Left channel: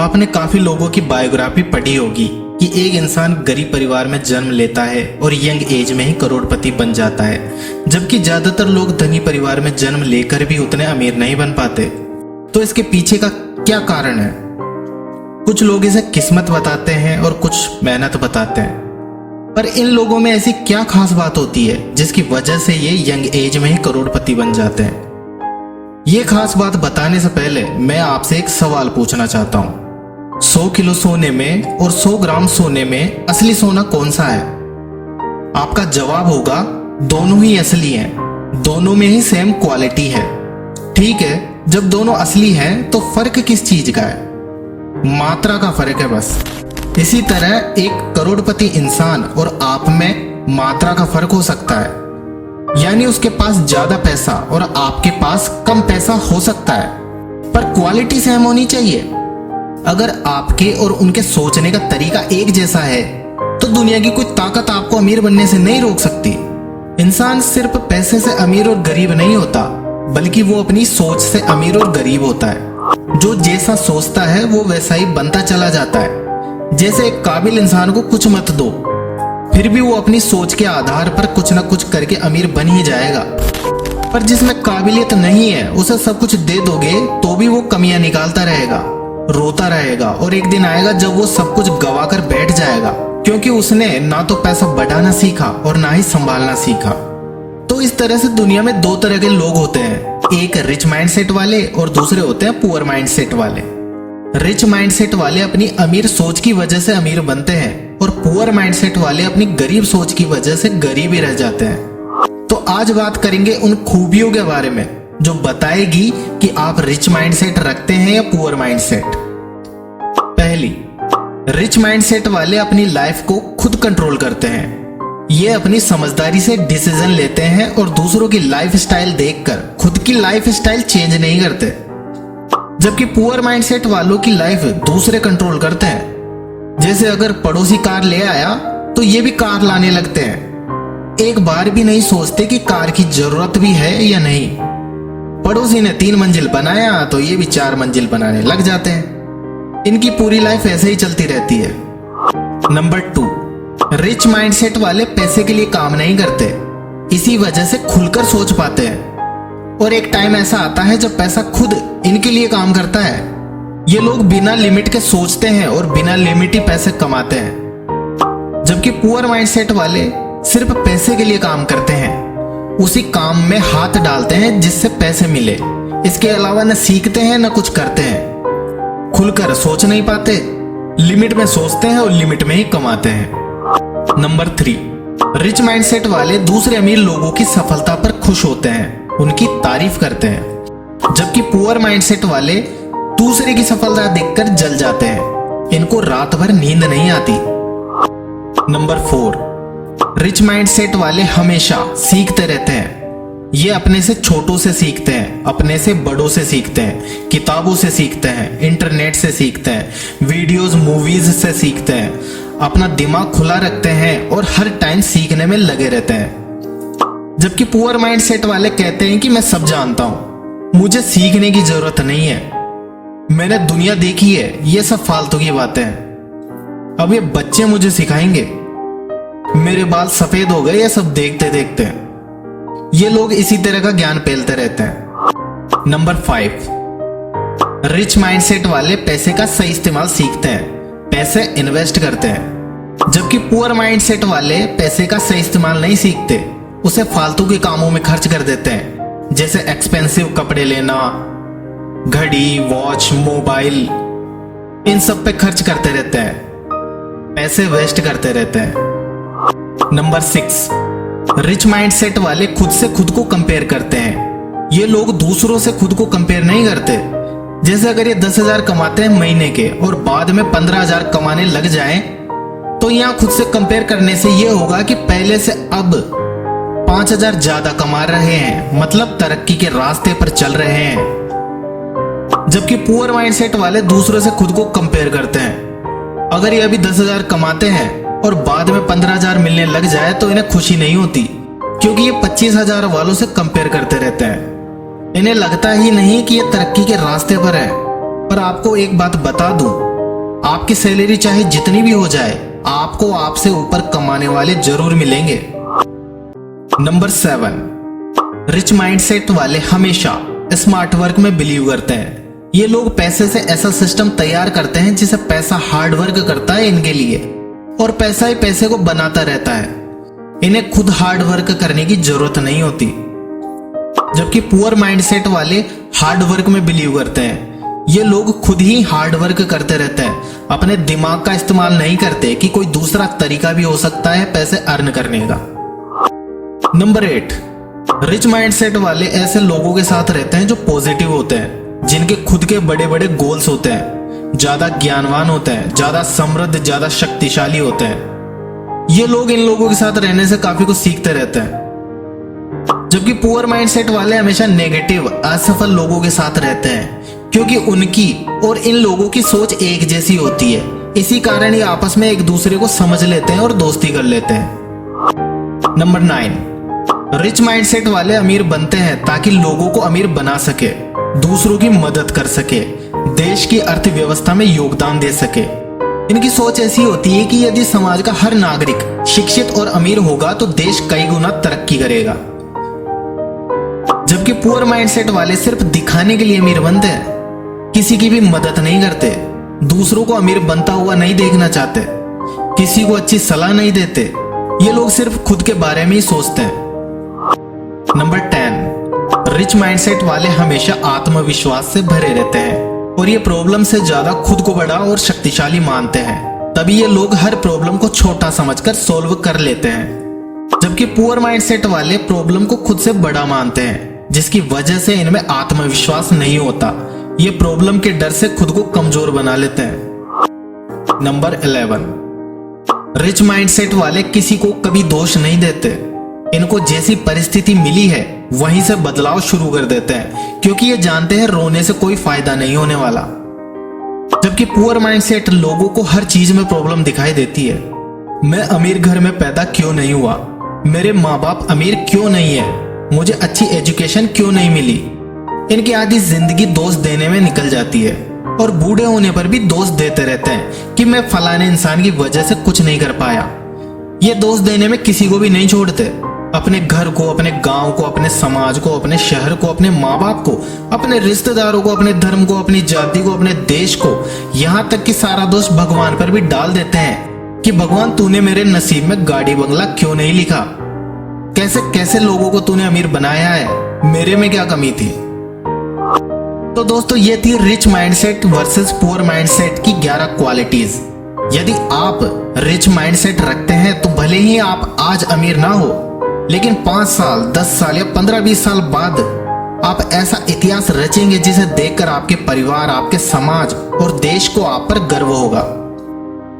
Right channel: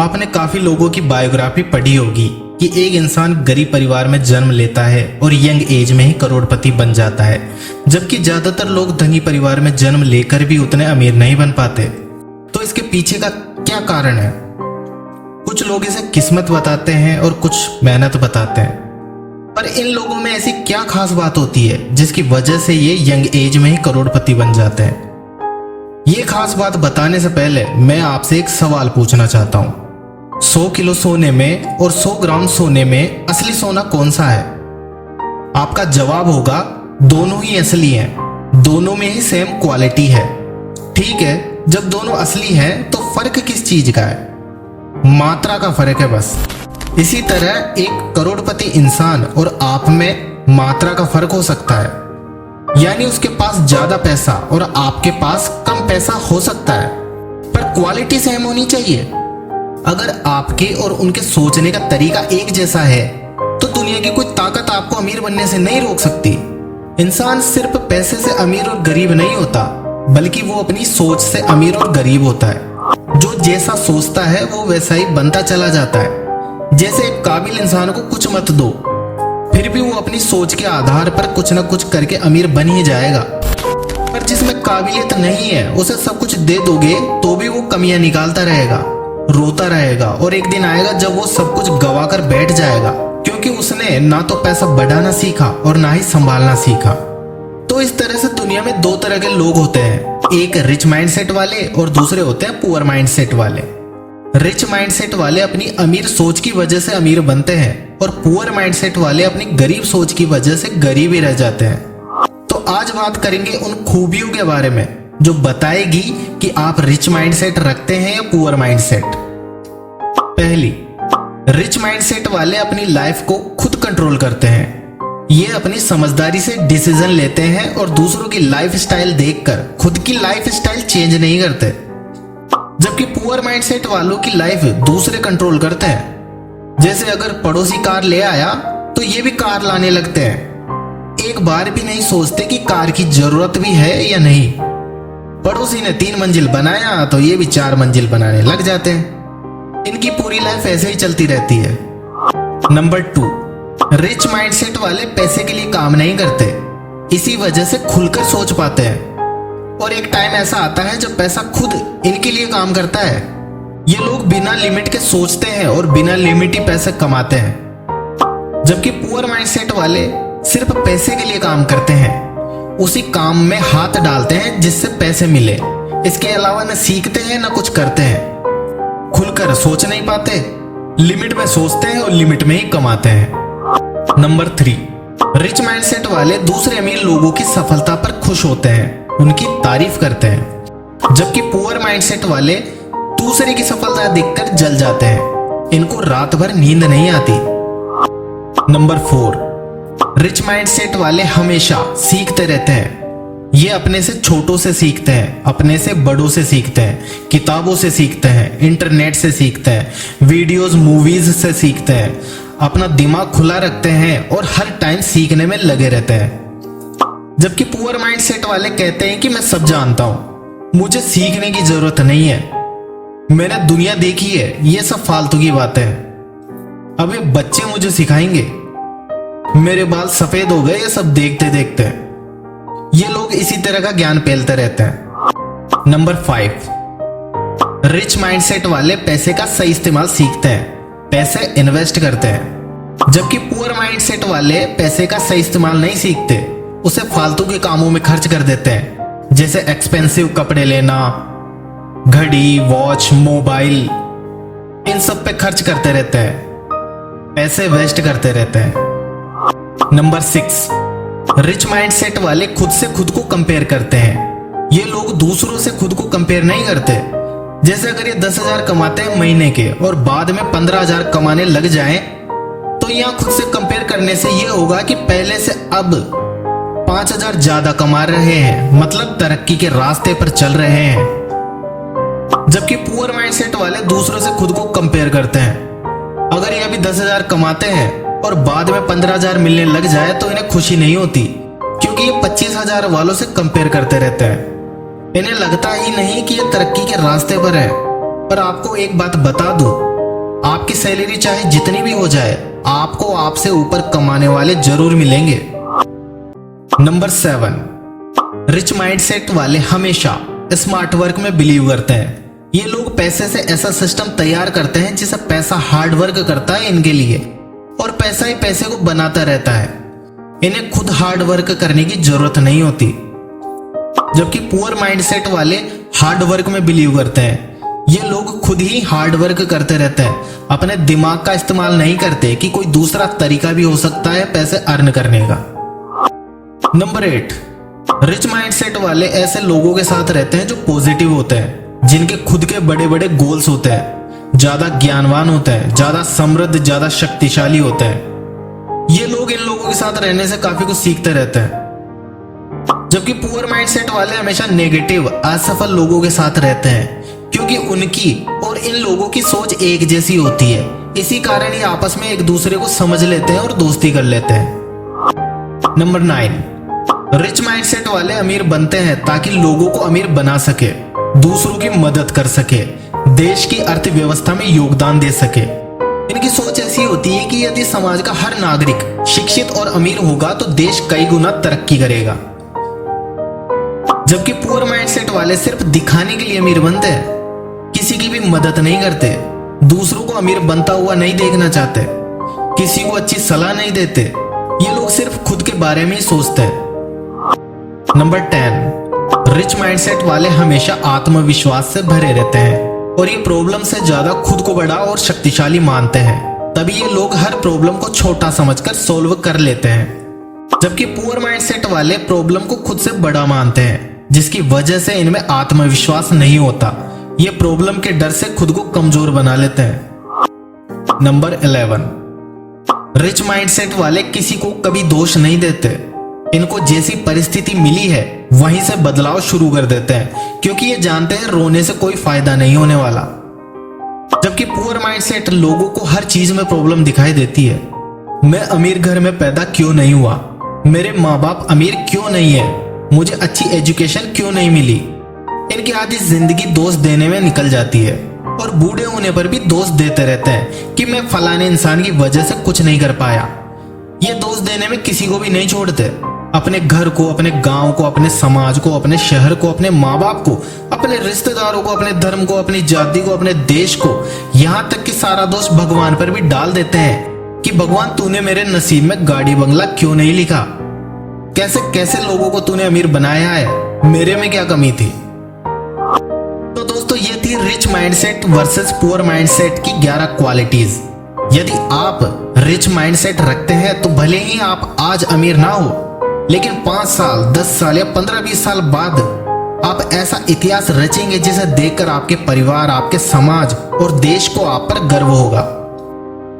आपने काफी लोगों की बायोग्राफी पढ़ी होगी कि एक इंसान गरीब परिवार में जन्म लेता है और यंग एज में ही करोड़पति बन जाता है, जबकि ज्यादातर लोग धनी परिवार में जन्म लेकर भी उतने अमीर नहीं बन पाते। तो इसके पीछे का क्या कारण है? कुछ लोग इसे किस्मत बताते हैं और कुछ मेहनत बताते हैं, पर इन लोगों में ऐसी क्या खास बात होती है जिसकी वजह से ये यंग एज में ही करोड़पति बन जाते हैं? ये खास बात बताने से पहले मैं आपसे एक सवाल पूछना चाहता हूँ। 100 किलो सोने में और 100 ग्राम सोने में असली सोना कौन सा है? आपका जवाब होगा दोनों ही असली हैं, दोनों में ही सेम क्वालिटी है। ठीक है, जब दोनों असली हैं तो फर्क किस चीज का है? मात्रा का फर्क है बस। इसी तरह एक करोड़पति इंसान और आप में मात्रा का फर्क हो सकता है, यानी उसके पास ज्यादा पैसा और आपके पास कम पैसा हो सकता है, पर क्वालिटी सेम होनी चाहिए। अगर आपके और उनके सोचने का तरीका एक जैसा है तो दुनिया की कोई ताकत आपको अमीर बनने से नहीं रोक सकती। इंसान सिर्फ पैसे से अमीर और गरीब नहीं होता, बल्कि वो अपनी सोच से अमीर और गरीब होता है। जो जैसा सोचता है वो वैसा ही बनता चला जाता है। जैसे एक काबिल इंसान को कुछ मत दो, फिर भी वो अपनी सोच के आधार पर कुछ न कुछ करके अमीर बन ही जाएगा। पर जिसमें काबिलियत नहीं है उसे सब कुछ दे दोगे तो भी वो कमियां निकालता रहेगा, रोता रहेगा, और एक दिन आएगा जब वो सब कुछ गवा कर बैठ जाएगा, क्योंकि उसने ना तो पैसा बढ़ाना सीखा और ना ही संभालना सीखा। तो इस तरह से दुनिया में दो तरह के लोग होते हैं, एक रिच माइंडसेट वाले और दूसरे होते हैं पुअर माइंडसेट वाले। रिच माइंडसेट वाले अपनी अमीर सोच की वजह से अमीर बनते हैं और पुअर माइंडसेट वाले अपनी गरीब सोच की वजह से गरीब ही रह जाते हैं। तो आज बात करेंगे उन खूबियों के बारे में जो बताएगी कि आप रिच माइंडसेट रखते हैं या पुअर माइंडसेट। पहली, रिच माइंडसेट वाले अपनी लाइफ को खुद कंट्रोल करते हैं। ये अपनी समझदारी से डिसीजन लेते हैं और दूसरों की लाइफ स्टाइल देखकर खुद की लाइफ स्टाइल चेंज नहीं करते। जबकि पुअर माइंडसेट वालों की लाइफ दूसरे कंट्रोल करते हैं। जैसे अगर पड़ोसी कार ले आया तो ये भी कार लाने लगते हैं, एक बार भी नहीं सोचते कि कार की जरूरत भी है या नहीं। पड़ोसी ने 3 मंजिल बनाया तो ये भी 4 मंजिल बनाने लग जाते हैं। इनकी पूरी लाइफ ऐसे ही चलती रहती है। नंबर 2, रिच माइंडसेट वाले पैसे के लिए काम नहीं करते, इसी वजह से खुलकर सोच पाते हैं। और एक टाइम ऐसा आता है जब पैसा खुद इनके लिए काम करता है। ये लोग बिना लिमिट के सोचते हैं और बिना लिमिट ही पैसे कमाते हैं। जबकि पुअर माइंडसेट वाले सिर्फ पैसे के लिए काम करते हैं, उसी काम में हाथ डालते हैं जिससे पैसे मिले। इसके अलावा न सीखते हैं न कुछ करते हैं। खुलकर सोच नहीं पाते, लिमिट में सोचते हैं और लिमिट में ही कमाते हैं। नंबर 3, रिच माइंडसेट वाले दूसरे अमीर लोगों की सफलता पर खुश होते हैं, उनकी तारीफ करते हैं। जबकि पुअर माइंडसेट वाले दूसरे की सफलता देखकर जल जाते हैं, इनको रात भर नींद नहीं आती। नंबर 4, रिच माइंडसेट वाले हमेशा सीखते रहते हैं। ये अपने से छोटों से सीखते हैं, अपने से बड़ों से सीखते हैं, किताबों से सीखते हैं, इंटरनेट से सीखते हैं, वीडियोस मूवीज से सीखते हैं। अपना दिमाग खुला रखते हैं और हर टाइम सीखने में लगे रहते हैं। जबकि पुअर माइंडसेट वाले कहते हैं कि मैं सब जानता हूं, मुझे सीखने की जरूरत नहीं है, मैंने दुनिया देखी है, ये सब फालतू की बातें हैं। अब ये बच्चे मुझे सिखाएंगे, मेरे बाल सफेद हो गए ये सब देखते देखते। ये लोग इसी तरह का ज्ञान फैलते रहते हैं। नंबर 5, रिच माइंडसेट वाले पैसे का सही इस्तेमाल सीखते हैं, पैसे इन्वेस्ट करते हैं। जबकि पुअर माइंडसेट वाले पैसे का सही इस्तेमाल नहीं सीखते, उसे फालतू के कामों में खर्च कर देते हैं, जैसे एक्सपेंसिव कपड़े लेना, घड़ी, वॉच, मोबाइल, इन सब पे खर्च करते रहते हैं, पैसे वेस्ट करते रहते हैं। नंबर 6, रिच माइंडसेट वाले खुद से खुद को कंपेयर करते हैं। ये लोग दूसरों से खुद को कंपेयर नहीं करते। जैसे अगर ये 10,000 कमाते हैं महीने के और बाद में 15,000 कमाने लग जाएं, तो यहाँ खुद से कंपेयर करने से ये होगा कि पहले से अब 5,000 ज्यादा कमा रहे हैं, मतलब तरक्की के रास्ते पर चल रहे हैं। जबकि पुअर माइंडसेट वाले दूसरों से खुद को कंपेयर करते हैं। अगर ये अभी 10,000 कमाते हैं और बाद में 15,000 मिलने लग जाए तो इन्हें खुशी नहीं होती, क्योंकि ये 25,000 वालों से कंपेयर करते रहते हैं। इन्हें लगता ही नहीं कि ये तरक्की के रास्ते पर है, पर आपको एक बात बता दूं, आपकी सैलरी चाहे जितनी भी हो जाए, आपको आपसे ऊपर कमाने वाले जरूर मिलेंगे। नंबर 7, रिच माइंडसेट वाले हमेशा स्मार्ट वर्क में बिलीव करते हैं। ये लोग पैसे से ऐसा सिस्टम तैयार करते हैं जिसे पैसा हार्ड वर्क करता है इनके लिए, और पैसा ही पैसे को बनाता रहता है। इन्हें खुद हार्ड वर्क करने की जरूरत नहीं होती। जबकि पुअर माइंडसेट वाले हार्ड वर्क में बिलीव करते हैं। ये लोग खुद ही हार्ड वर्क करते रहते हैं, अपने दिमाग का इस्तेमाल नहीं करते कि कोई दूसरा तरीका भी हो सकता है पैसे अर्न करने का। नंबर 8, रिच माइंडसेट वाले ऐसे लोगों के साथ रहते हैं जो पॉजिटिव होते हैं, जिनके खुद के बड़े बड़े गोल्स होते हैं, ज्यादा ज्ञानवान होते हैं, ज्यादा समृद्ध, ज्यादा शक्तिशाली होते हैं। ये लोग इन लोगों के साथ रहने से काफी कुछ सीखते रहते हैं। जबकि पुअर माइंडसेट वाले हमेशा नेगेटिव, असफल लोगों के साथ रहते हैं, क्योंकि उनकी और इन लोगों की सोच एक जैसी होती है। इसी कारण ये आपस में एक दूसरे को समझ लेते हैं और दोस्ती कर लेते हैं। नंबर 9, रिच माइंडसेट वाले अमीर बनते हैं ताकि लोगों को अमीर बना सके, दूसरों की मदद कर सके, देश की अर्थव्यवस्था में योगदान दे सके। इनकी सोच ऐसी होती है कि यदि समाज का हर नागरिक शिक्षित और अमीर होगा तो देश कई गुना तरक्की करेगा। जबकि पुअर माइंडसेट वाले सिर्फ दिखाने के लिए अमीर बनते हैं, किसी की भी मदद नहीं करते, दूसरों को अमीर बनता हुआ नहीं देखना चाहते, किसी को अच्छी सलाह नहीं देते। ये लोग सिर्फ खुद के बारे में ही सोचते हैं। नंबर 10, रिच माइंडसेट वाले हमेशा आत्मविश्वास से भरे रहते हैं और ये प्रॉब्लम से ज्यादा खुद को बड़ा और शक्तिशाली मानते हैं। तभी ये लोग हर प्रॉब्लम को छोटा समझकर सॉल्व कर लेते हैं। जबकि पुअर माइंडसेट वाले प्रॉब्लम को खुद से बड़ा मानते हैं, जिसकी वजह से इनमें आत्मविश्वास नहीं होता। ये प्रॉब्लम के डर से खुद को कमजोर बना लेते हैं। नंबर 11, रिच माइंडसेट वाले किसी को कभी दोष नहीं देते। इनको जैसी परिस्थिति मिली है वहीं से बदलाव शुरू कर देते हैं, क्योंकि ये जानते हैं रोने से कोई फायदा नहीं होने वाला। जबकि पुअर माइंडसेट लोगों को हर चीज में प्रॉब्लम दिखाई देती है। मैं अमीर घर में पैदा क्यों नहीं हुआ, मेरे माँ बाप अमीर क्यों नहीं है, मुझे अच्छी एजुकेशन क्यों नहीं मिली। इनकी आधी जिंदगी दोष देने में निकल जाती है और बूढ़े होने पर भी दोष देते रहते हैं कि मैं फलाने इंसान की वजह से कुछ नहीं कर पाया। ये दोष देने में किसी को भी नहीं छोड़ते। अपने घर को, अपने गांव को, अपने समाज को, अपने शहर को, अपने माँ बाप को, अपने रिश्तेदारों को, अपने धर्म को, अपनी जाति को, अपने देश को, यहाँ तक कि सारा दोष भगवान पर भी डाल देते हैं कि भगवान तूने मेरे नसीब में गाड़ी बंगला क्यों नहीं लिखा, कैसे कैसे लोगों को तूने अमीर बनाया है, मेरे में क्या कमी थी। तो दोस्तों ये थी rich mindset versus poor mindset की 11 क्वालिटीज। यदि आप रिच माइंडसेट रखते हैं तो भले ही आप आज अमीर ना हो, लेकिन 5 साल, 10 साल या 15-20 साल बाद आप ऐसा इतिहास रचेंगे जिसे देखकर आपके परिवार, आपके समाज और देश को आप पर गर्व होगा।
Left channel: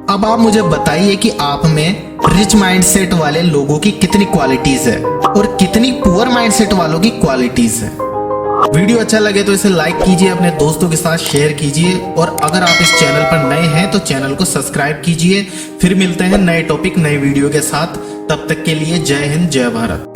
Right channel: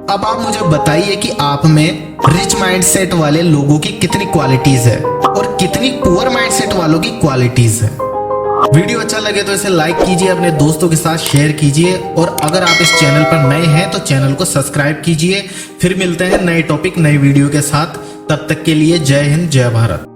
अब आप मुझे बताइए कि आप में रिच माइंडसेट वाले लोगों की कितनी क्वालिटीज है और कितनी पुअर माइंडसेट वालों की क्वालिटीज है। वीडियो अच्छा लगे तो इसे लाइक कीजिए, अपने दोस्तों के साथ शेयर कीजिए, और अगर आप इस चैनल पर नए हैं तो चैनल को सब्सक्राइब कीजिए। फिर मिलते हैं नए टॉपिक, नई वीडियो के साथ। तब तक के लिए जय हिंद, जय भारत।